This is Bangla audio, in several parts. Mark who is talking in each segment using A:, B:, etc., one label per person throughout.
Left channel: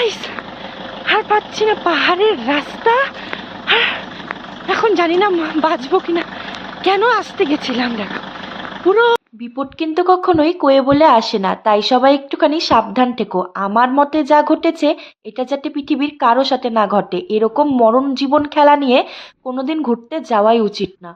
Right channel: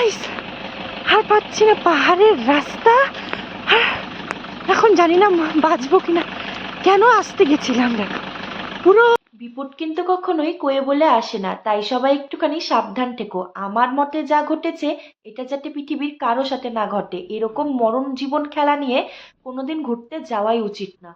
A: গাইস আর পাচ্ছি না পাহাড়ের রাস্তা? আর এখন জানি না বাঁচবো কিনা। কেন আসতে গেছিলাম দেখো পুরো
B: বিপদ কিন্তু কখনোই কয়ে বলে আসে না, তাই সবাই একটুখানি সাবধান থেকো। আমার মতে যা ঘটেছে, এটা যাতে পৃথিবীর কারও সাথে না ঘটে। এরকম মরণ জীবন খেলা নিয়ে কোনোদিন ঘুরতে যাওয়াই উচিত না।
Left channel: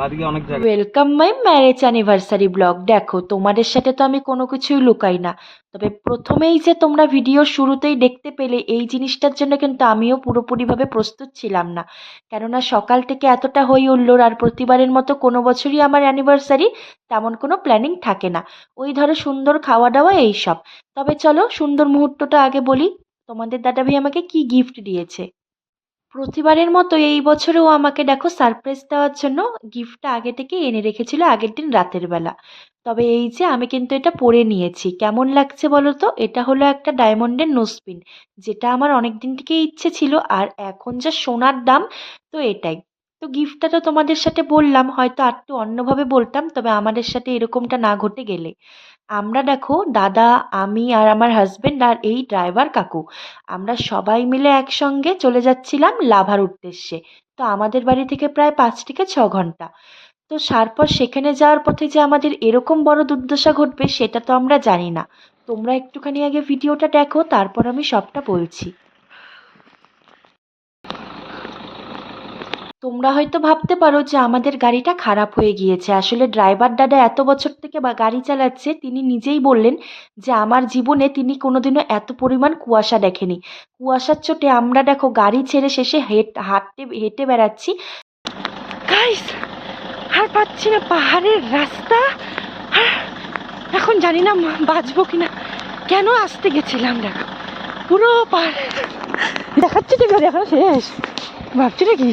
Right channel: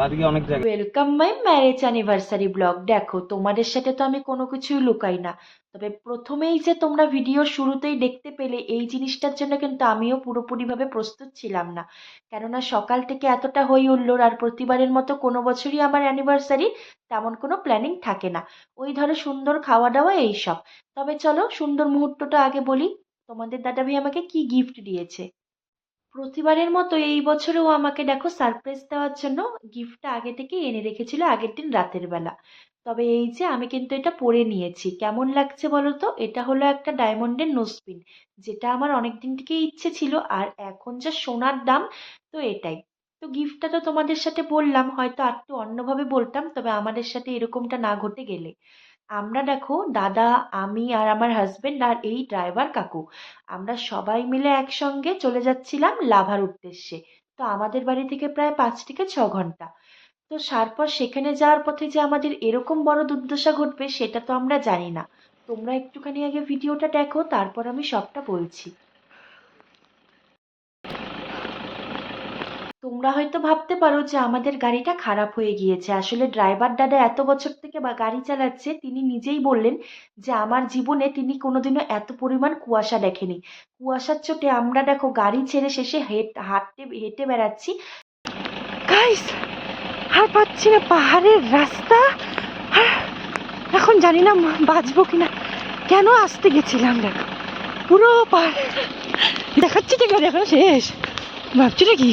C: অনেক জায়গা
B: welcome my marriage anniversary vlog দেখো, তোমাদের সাথে তো আমি কোনো কিছুই লুকাই না। তবে প্রথমেই যে তোমরা ভিডিও শুরুতেই দেখতে পেলে, এই জিনিসটার জন্য কিন্তু আমিও পুরোপুরিভাবে প্রস্তুত ছিলাম না। কেননা সকাল থেকে এতটা হই উঠলোর আর প্রতিবারের মতো কোনো বছরই আমার অ্যানিভার্সারি তেমন কোনো প্ল্যানিং থাকে না। ওই ধরো সুন্দর খাওয়া দাওয়া এইসব। তবে চলো সুন্দর মুহূর্তটা আগে বলি। তোমাদের দাদাভাই আমাকে কি গিফট দিয়েছে? প্রতিবারের মতো এই বছরেও আমাকে দেখো সারপ্রাইজ দেওয়ার জন্য গিফটটা আগে থেকে এনে রেখেছিল আগের দিন রাতের বেলা। তবে এই যে আমি কিন্তু এটা পরে নিয়েছি। কেমন লাগছে বলো তো? এটা হলো একটা ডায়মন্ডের নোসপিন যেটা আমার অনেক দিন থেকেই ইচ্ছে ছিল আর এখন যা সোনার দাম, তো এটাই। তো গিফটটা তো তোমাদের সাথে বললাম, হয়তো আর একটু অন্যভাবে বলতাম, তবে আমাদের সাথে এরকমটা না ঘটে গেলে। আমরা দেখো দাদা, আমি আর আমার হাজবেন্ড আর এই ড্রাইভার কাকু, আমরা সবাই মিলে একসঙ্গে চলে যাচ্ছিলাম লাভার উদ্দেশ্যে। তো আমাদের বাড়ি থেকে প্রায় পাঁচ থেকে ছ ঘণ্টা। তো তারপর সেখানে যাওয়ার পথে যে আমাদের এরকম বড় দুর্দশা ঘটবে সেটা তো আমরা জানি না। তোমরা একটুখানি আগে ভিডিওটা দেখো, তারপর আমি সবটা বলছি। তোমরা হয়তো ভাবতে পারো যে আমাদের গাড়িটা খারাপ হয়ে গিয়েছে। আসলে ড্রাইভার দাদা এত বছর থেকে বা গাড়ি চালাচ্ছে, তিনি নিজেই বললেন যে আমার জীবনে তিনি কোনোদিনও এত পরিমাণ কুয়াশা দেখেনি। কুয়াশার চোটে আমরা দেখো গাড়ি ছেড়ে শেষে হেট, হাঁটতে, হেঁটে বেড়াচ্ছি।
A: গাইস আর পাচ্ছি না পাহাড়ের রাস্তা। আর এখন জানি না বাঁচবো কিনা। কেন আসতে গেছিলাম দেখো পুরো পাহাড়। দেখাচ্ছি ঠিক আছে এখন শেষ। ভাবছি নাকি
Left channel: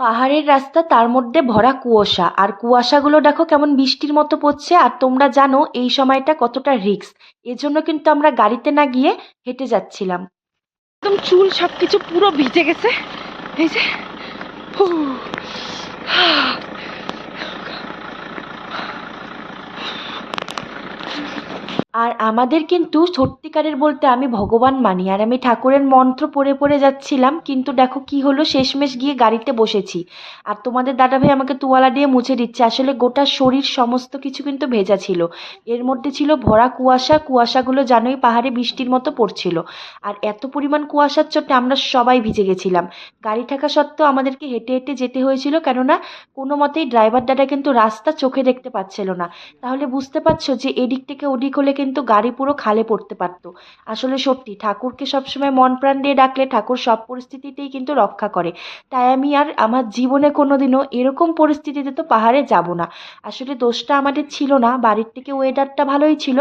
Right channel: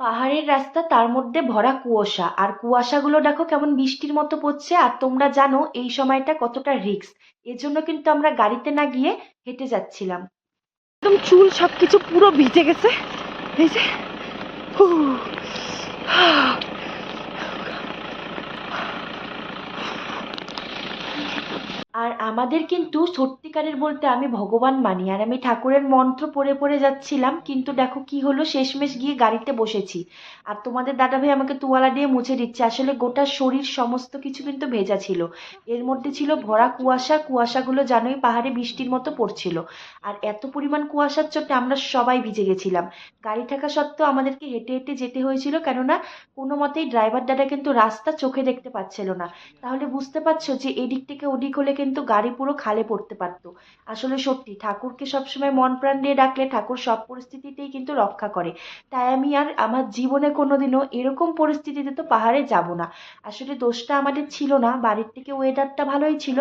B: পাহাড়ের রাস্তা তার মধ্যে ভরা কুয়াশা। আর কুয়াশাগুলো দেখো কেমন বৃষ্টির মতো পড়ছে, আর তোমরা জানো এই সময়টা কতটা রিস্ক। এজন্য কিন্তু আমরা গাড়িতে না গিয়ে হেঁটে যাচ্ছিলাম।
A: একদম চুল সব কিছু পুরো ভিজে গেছে। এই যে
B: আর আমাদের কিন্তু সত্যিকারের বলতে আমি ভগবান মানি। আর আমি ঠাকুরের মন্ত্র পড়ে পড়ে যাচ্ছিলাম, কিন্তু দেখো কি হলো, শেষমেশ গিয়ে গাড়িতে বসেছি। আর তোমাদের দাদা ভাই আমাকে তোয়ালা দিয়ে মুছে দিচ্ছে। আসলে গোটা শরীর সমস্ত কিছু কিন্তু ভেজা ছিল। এর মধ্যে ছিল ভরা কুয়াশা। কুয়াশাগুলো জানোই পাহাড়ে বৃষ্টির মতো পড়ছিল। আর এত পরিমাণ কুয়াশার চোটে আমরা সবাই ভিজে গেছিলাম। গাড়ি থাকা সত্ত্বেও আমাদেরকে হেঁটে হেঁটে যেতে হয়েছিল, কেননা কোনো মতেই ড্রাইভার দাদা কিন্তু রাস্তা চোখে দেখতে পাচ্ছিল না। তাহলে বুঝতে পারছ যে এদিক থেকে ওদিক হলে কিন্তু গাড়ি পুরো খালে পড়তে পারতো। আসলে সত্যি, ঠাকুরকে সবসময় মন প্রাণ দিয়ে ডাকলে ঠাকুর সব পরিস্থিতিতেই কিন্তু রক্ষা করে। তাই আমি আর আমার জীবনে কোনোদিনও এরকম পরিস্থিতিতে তো পাহাড়ে যাব না। আসলে দোষটা আমাদের ছিল না, বাড়ির থেকে ওয়েদারটা ভালোই ছিল,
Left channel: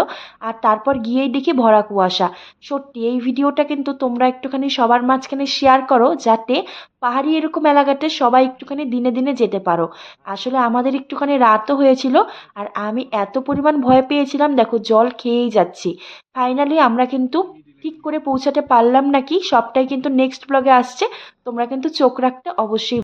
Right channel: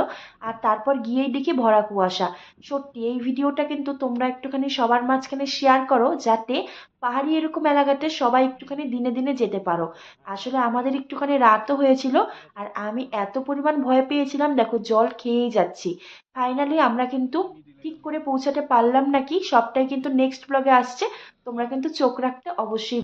B: আর তারপর গিয়েই দেখি ভরা কুয়াশা। সত্যি, এই ভিডিওটা কিন্তু তোমরা একটুখানি সবার মাঝখানে শেয়ার করো, যাতে পাহাড়ি এরকম এলাকাতে সবাই একটুখানি দিনে দিনে যেতে পারো। আসলে আমাদের একটুখানি রাতও হয়েছিল আর আমি এত পরিমাণ ভয় পেয়েছিলাম, দেখো জল খেয়েই যাচ্ছি। ফাইনালি আমরা কিন্তু ঠিক করে পৌঁছাতে পারলাম নাকি? সবটাই কিন্তু নেক্সট ব্লগে আসছে, তোমরা কিন্তু চোখ রাখতে অবশ্যই